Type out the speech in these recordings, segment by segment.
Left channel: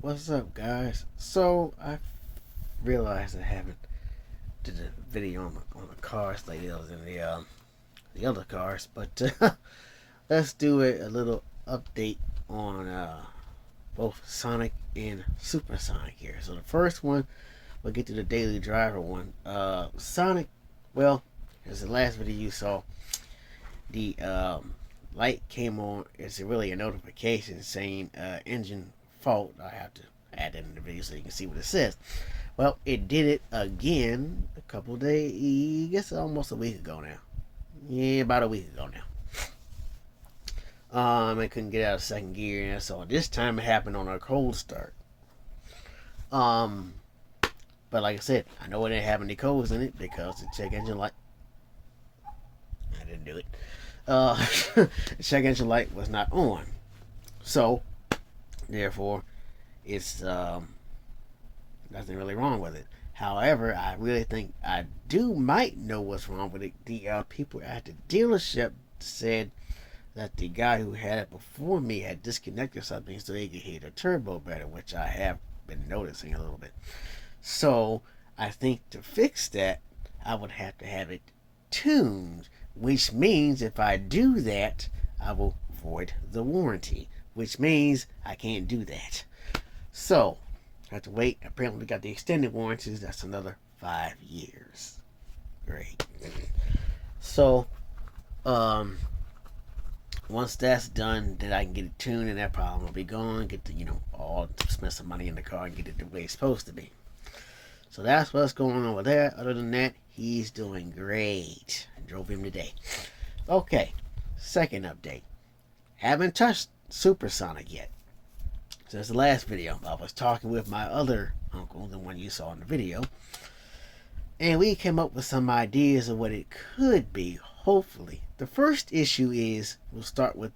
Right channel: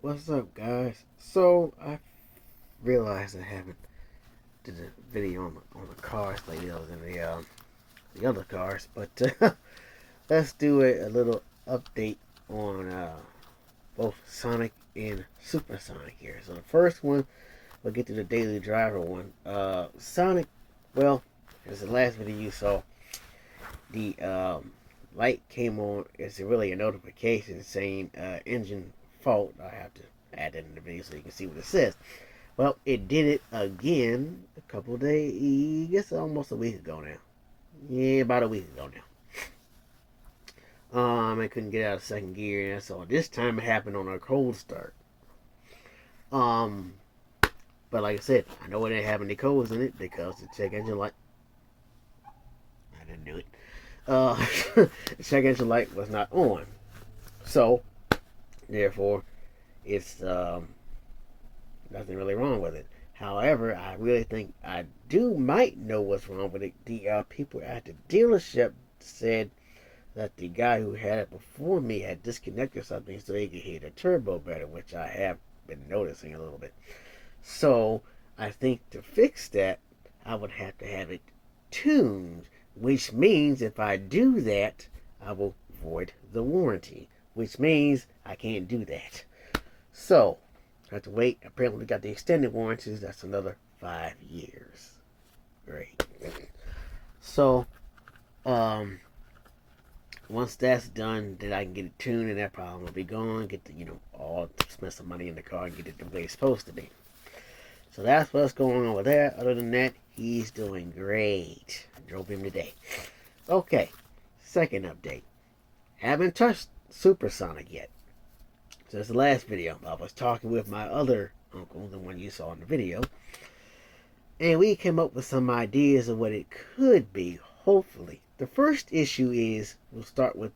What's up, guys? So I realized I haven't did a video on the cars lately, other than the other cars. But let's do a little update on both Sonic and Supersonic here. So the first one, we'll get to the Daily Driver one. Sonic, well, as the last video you saw, the light came on. It's really a notification saying engine fault. I have to add that in the video so you can see what it says. Well, it did it again a couple of days, I guess almost a week ago now. Yeah, about a week ago now. I couldn't get out of second gear, and so this time it happened on a cold start. Um, but like I said, I know it didn't have any codes in it because the check engine light. I didn't do it. The check engine light was not on, so therefore, it's nothing really wrong with it. However, I really think I might know what's wrong with it. The people at the dealership said that the guy who had it before me had disconnected something so they could hear the turbo better, which I have been noticing a little bit. So I think to fix that, I would have to have it tuned, which means if I do that, I will void the warranty, which means I can't do that. So I have to wait. Apparently, we got the extended warranties. That's another 5 years. Great. So, um, once that's done, then I can get it tuned, and that problem will be gone. Get the all spend some money in the car and get it the way it's supposed to be. So that's what's going on with that. Other than that, he's doing great. I drove him today. Okay, second update. Haven't touched Supersonic yet. Since the last video, I was talking with my other uncle, the one you saw in the video, and we came up with some ideas of what it could be, hopefully. The first issue is, we'll start with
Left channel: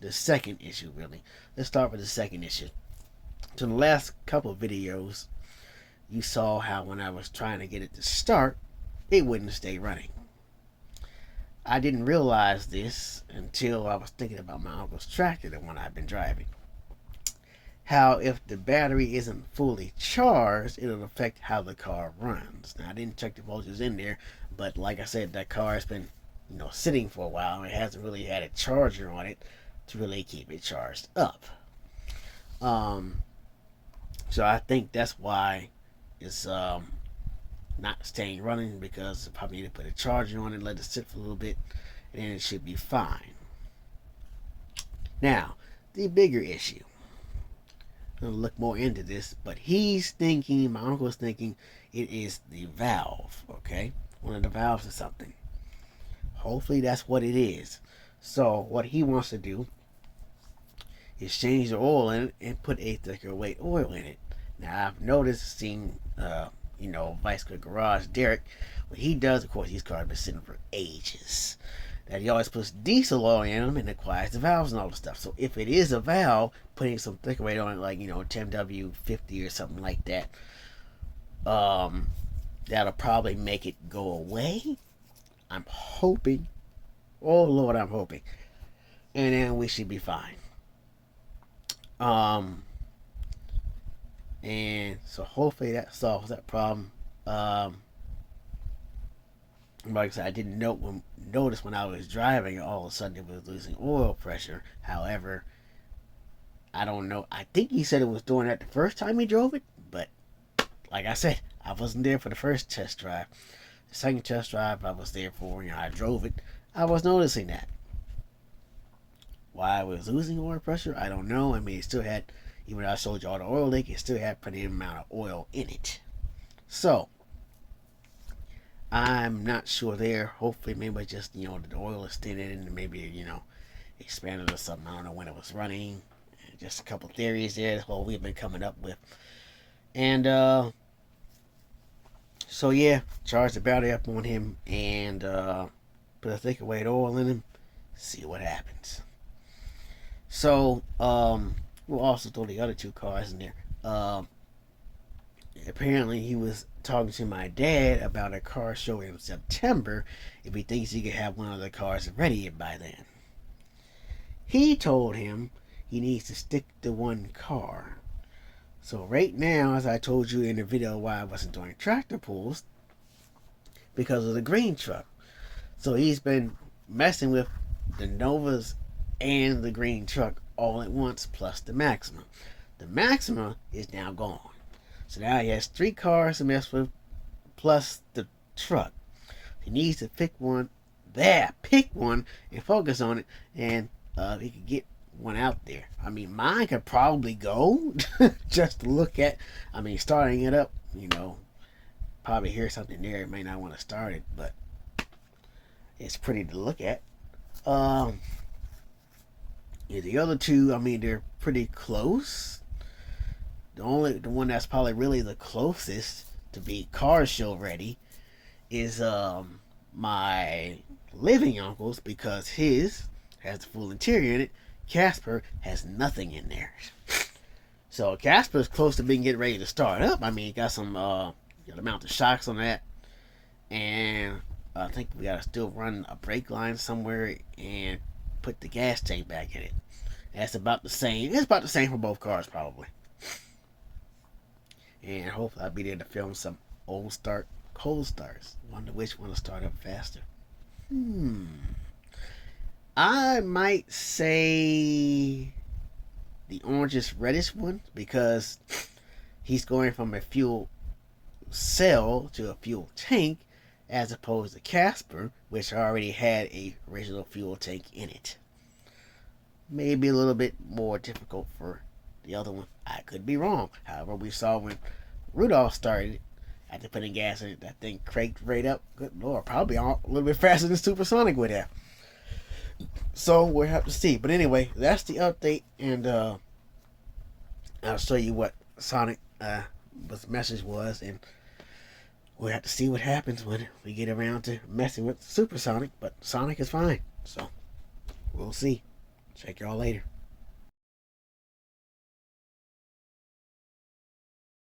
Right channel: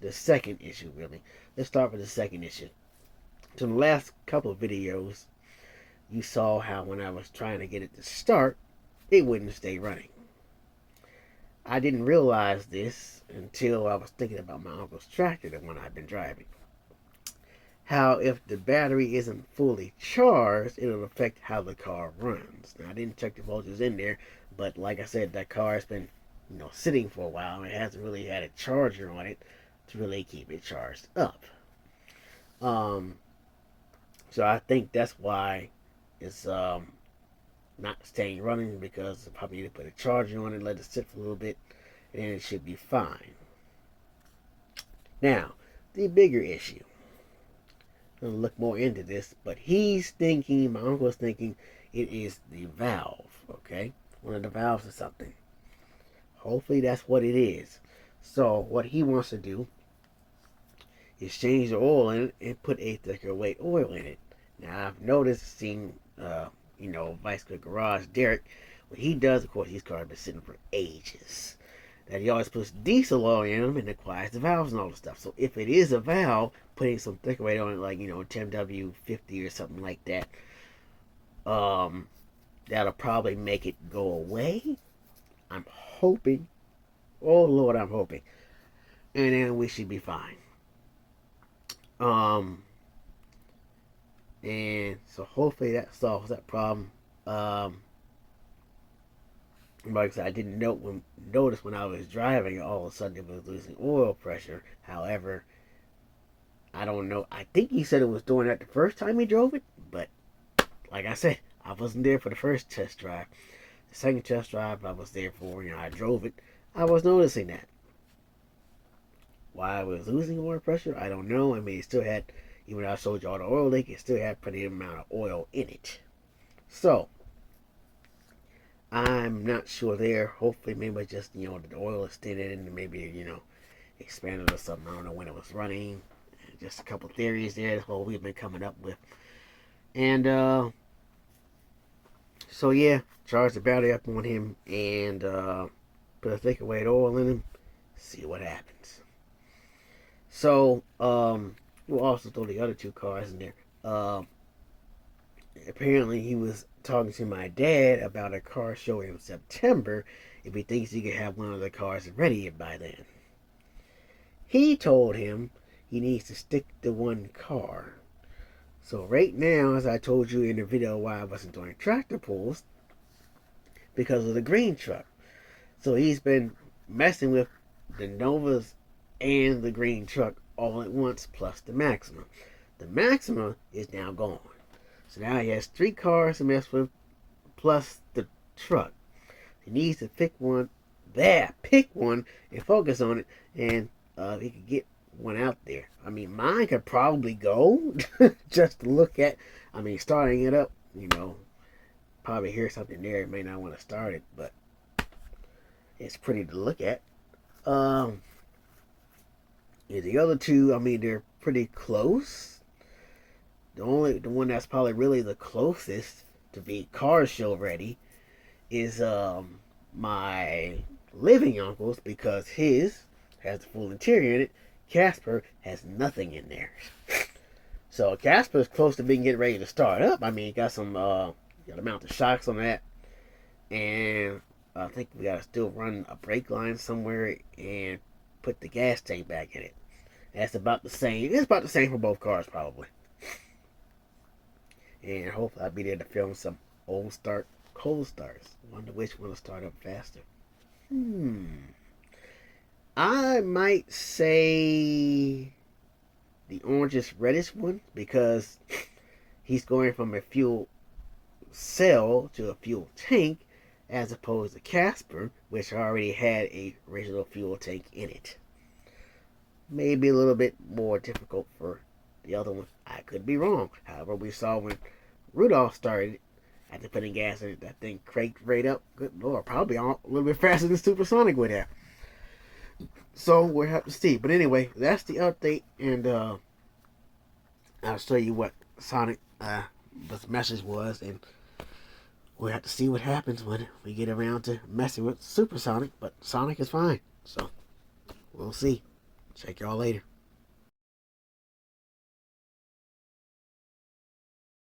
the second issue, really. Let's start with the second issue. So in the last couple of videos, you saw how when I was trying to get it to start, it wouldn't stay running. I didn't realize this until I was thinking about my uncle's tractor, the one I've been driving. How if the battery isn't fully charged, it'll affect how the car runs. Now I didn't check the voltage in there, but like I said, that car has been sitting for a while and it hasn't really had a charger on it to really keep it charged up. Um, so I think that's why it's not staying running, because I probably need to put a charger on it, let it sit for a little bit, and it should be fine. Now, the bigger issue. I'm gonna look more into this, but my uncle's thinking it is the valve, okay? One of the valves or something. Hopefully that's what it is. So what he wants to do is change the oil in it and put a thicker weight oil in it. Now I've noticed, Vice Grip Garage, Derek, what he does, of course, these cars have been sitting for ages, that he always puts diesel oil in them and acquires the valves and all the stuff. So if it is a valve, putting some thicker weight on it, like 10W50 or something like that, that'll probably make it go away. I'm hoping. Oh Lord, I'm hoping. And then we should be fine. Um, and so hopefully that solves that problem. Like I said, I didn't notice when I was driving, all of a sudden it was losing oil pressure. However, I don't know. I think he said it was doing that the first time he drove it, but like I said, I wasn't there for the first test drive. The second test drive I was there for, I drove it. I was noticing that. Why I was losing oil pressure, I don't know. I mean, it still had, even though I showed you all the oil leak, it still had plenty amount of oil in it. So, I'm not sure there. Hopefully, maybe just, the oil is thinning and maybe, expanded or something. I don't know when it was running. Just a couple theories there. That's what we've been coming up with. And, so yeah, charge the battery up on him and, put a thicker weight oil in him. See what happens. So, we'll also throw the other two cars in there. Apparently he was talking to my dad about a car show in September if he thinks he could have one of the cars ready by then. He told him he needs to stick to one car. So right now, as I told you in the video why I wasn't doing tractor pulls, because of the green truck. So he's been messing with the Novas and the green truck all at once, plus the Maxima. The Maxima is now gone. So now he has 3 cars to mess with, plus the truck. He needs to pick one and focus on it, and he could get one out there. I mean, mine could probably go just to look at. I mean, starting it up, probably hear something there. You may not want to start it, but it's pretty to look at. Yeah, the other two, I mean, they're pretty close. The one that's probably really the closest to be car show ready is my living uncle's, because his has a full interior in it. Casper has nothing in there. So Casper's close to being getting ready to start up. I mean, got some got to mount the shocks on that, and I think we gotta still run a brake line somewhere and put the gas tank back in it. That's about the same. It's about the same for both cars probably. And hopefully I'll be there to film some old start, cold starts. Wonder which one will start up faster. I might say the orangish reddish one, because he's going from a fuel cell to a fuel tank, as opposed to Casper, which already had a original fuel tank in it. Maybe a little bit more difficult for the other one. I could be wrong. However, we saw when Rudolph started, after putting gas in it, that thing cranked right up. Good Lord, probably a little bit faster than Supersonic would have. So we'll have to see. But anyway, that's the update, and I'll show you what Sonic what the message was, and we'll have to see what happens when we get around to messing with Supersonic. But Sonic is fine, so we'll see. Check y'all later.